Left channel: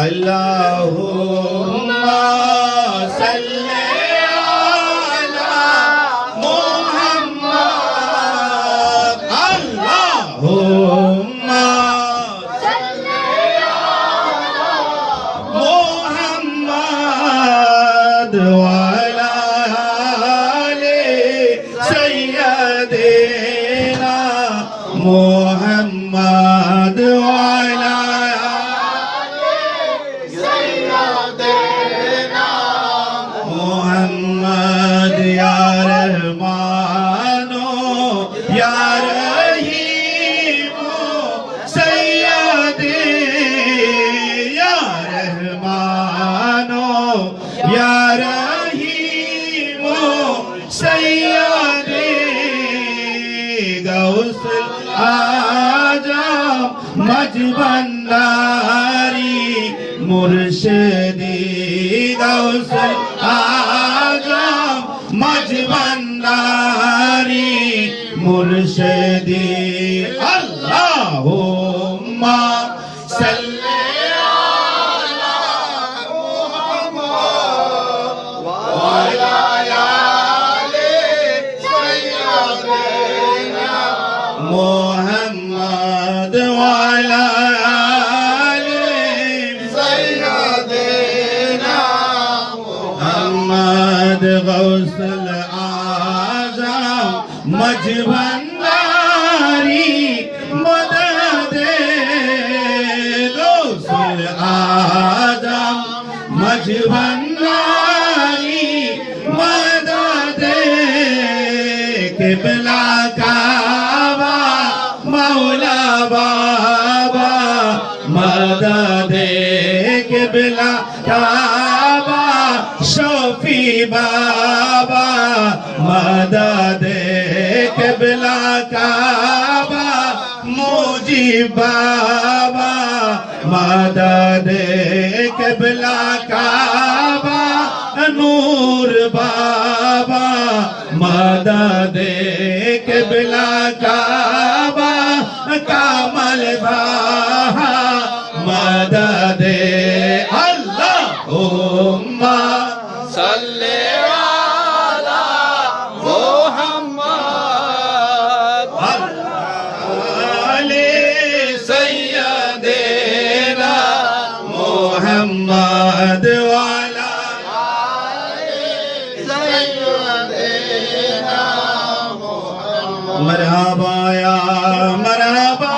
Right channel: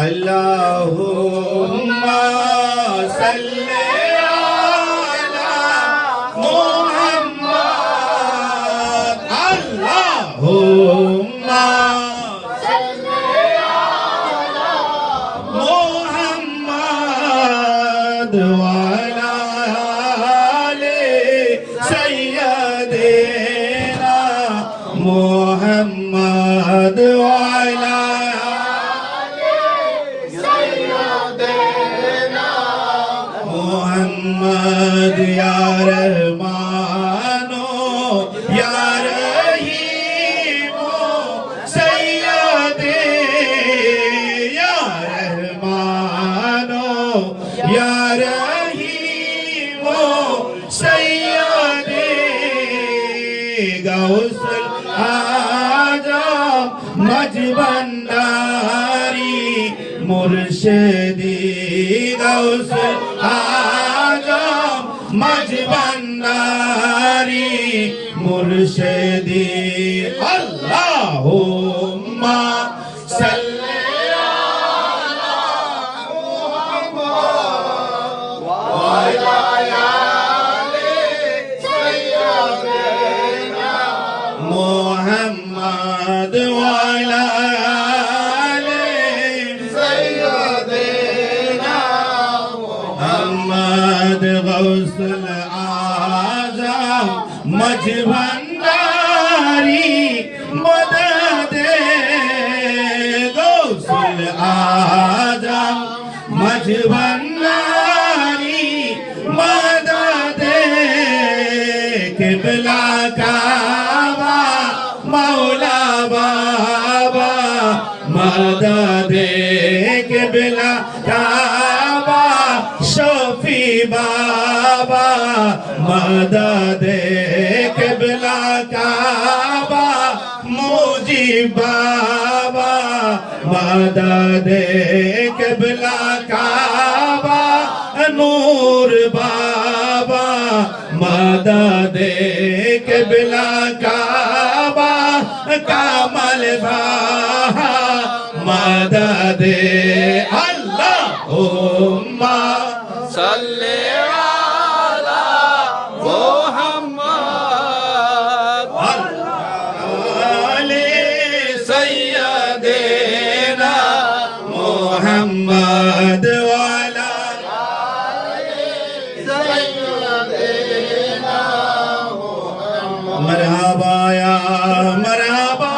اللهم صل على محمد اللهم صل على محمد وعلى آل سيدنا محمد محمد يا رحمن يا رحيم سيدي يا رحمن يا رحيم سيدي غوث الحاجة مجبنداري مرشدي غوث الحاجة مرشدي اللهم صل على محمد وعلى آل سيدنا محمد وعلى آل سيدنا محمد غوث الأعظم মজবন্দারি মদদে গৌসুল আজম মজবন্দারি মদদে কেবলা কাবা মৌলা বাবা মদদে কেবলা কাবা শফি बाबा मदद कबला काबा नूर बाबा मदद कबला का മരാബായ മരാബായ